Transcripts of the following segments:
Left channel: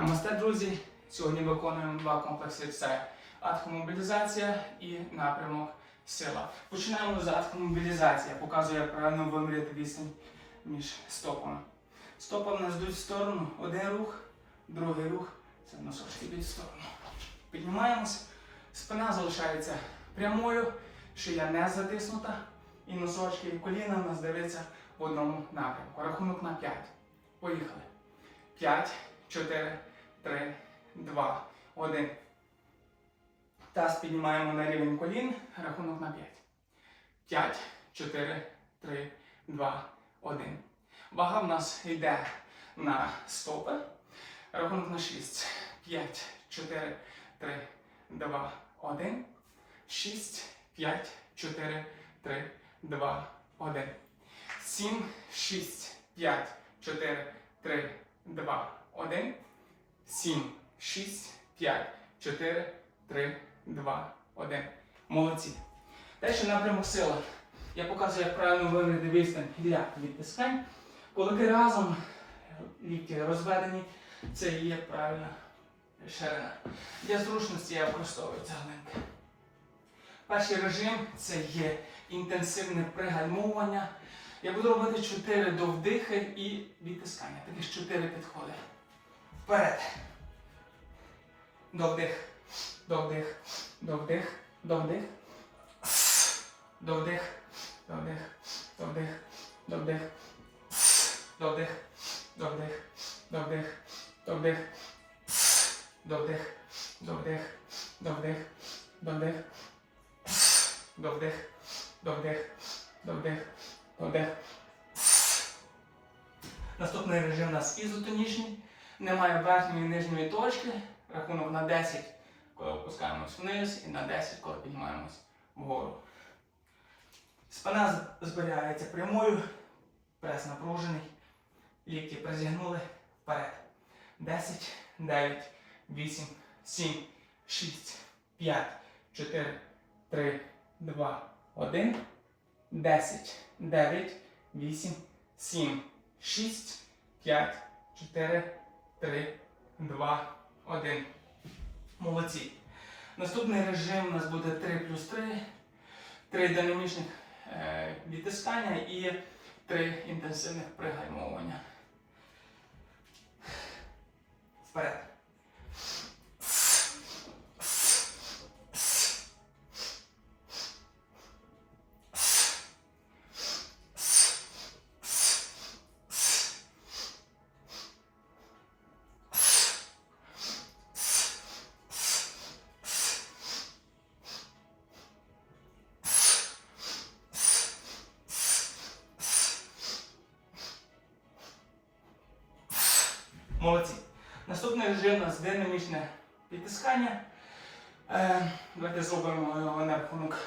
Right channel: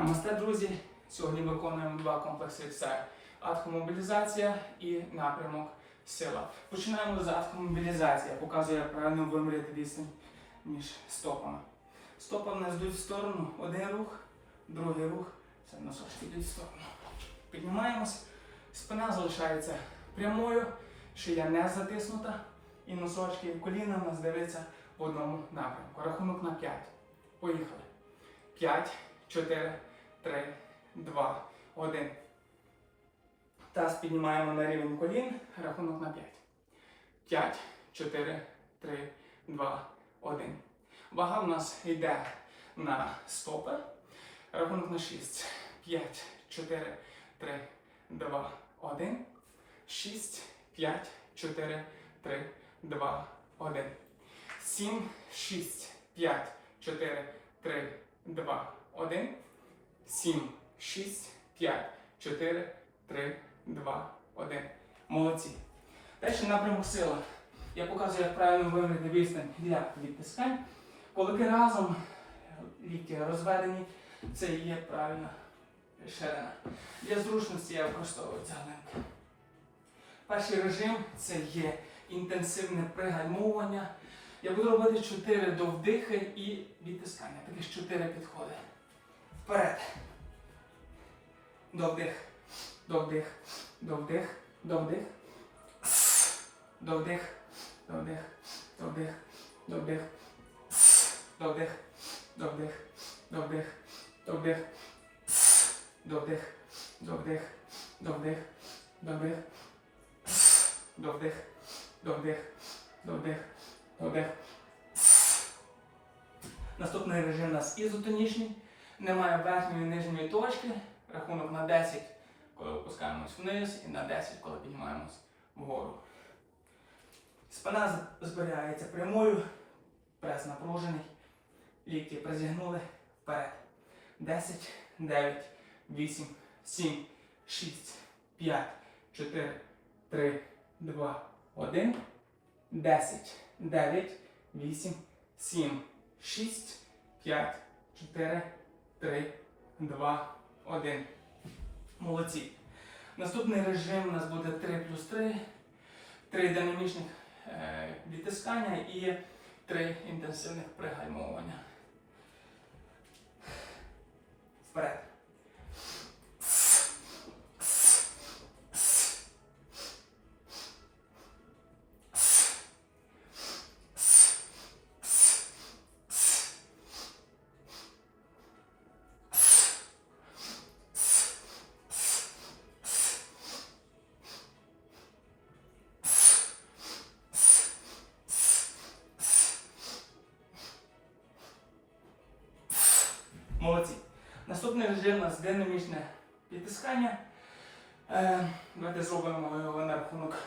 Намасте, друзі! Сьогодні виконуємо два комплекси: це адхомобілізація і напрямок сила. Починаємо з адхомобілізації. Я показую, як правильно виміряти відстань між стопами. Стопи в нас йдуть в сторону. Один рух, другий рух. Це носочки йдуть в сторону. Піднімаємось. Спина залишається прямою, шия не затиснута. І носочки і коліна у нас дивляться в одному напрямку. Рахунок на 5. Поїхали. 5, 4, 3, 2, 1. Таз піднімаємо на рівень колін. Рахунок на 5. 5, 4, 3, 2, 1. Вага в нас йде на стопи. Рахунок на 6. 5, 4, 3, 2, 1. 6, 5, 4, 3, 2, 1. 7, 6, 5, 4, 3, 2, 1. 7, 6, 5, 4, 3, 2, 1. Молодці. Далі напрямок сила. Я показую, як правильно виміряти відстань для відтискань. Кулаки разом, лікті розведені, це є правильна ширина. Для зручності я використовую цеглинки. Перший режим це є інтенсивне пригальмовування. Я буду робити 4 до вдихи і відтискання. Таких 4 підходи. Вперед. До вдих. До вдих. До вдих. До вдих. До вдих. До вдих. До вдих. До вдих. До вдих. До вдих. Вдих. До вдих. До. До вдих. До вдих. Вдих. Вдих. Вдих. До вдих. До вдих. Наступний режим у нас ізотонічний. Немає верхньої і нижньої точки. Рахунок на 10, коли опускаємось вниз, і на 10, коли піднімаємось вгору. Спина зберігається прямою, прес напружений, лікті призігнули вперед. 10, 9, 8, 7, 6, 5, 4, 3, 2, 1. 10, 9, 8, 7, 6, 5, 4, 3, 2, 1. Молодці. Наступний режим у нас буде 3 плюс 3. 3 динамічних е, відтискання і 3 інтенсивних пригальмовування. Молодці. Наступний режим у нас динамічне підтискання. Е, давайте зробимо його на рахунок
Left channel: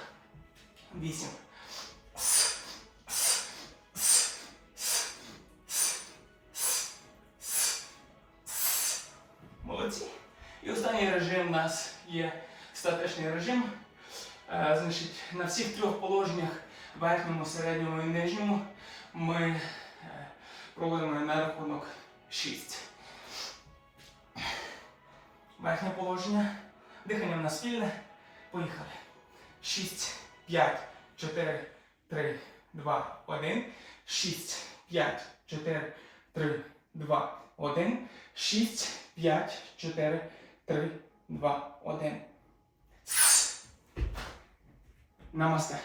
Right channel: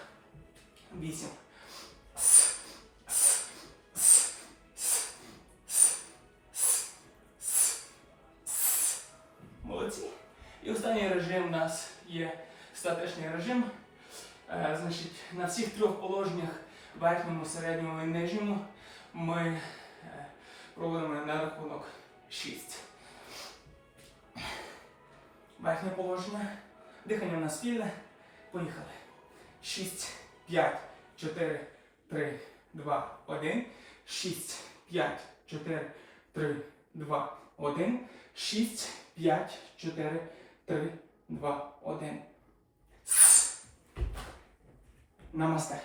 8. Молодці. І останній режим у нас є статичний режим. Е, значить, на всіх трьох положеннях верхньому, середньому і нижньому ми е, проводимо на рахунок 6. Верхнє положення. Дихання в нас спільне. Поїхали. 6, 5, 4, 3, 2, 1. 6, 5, 4, 3, 2, 1. 6, 5, 4, 3, 2, 1. Намасте.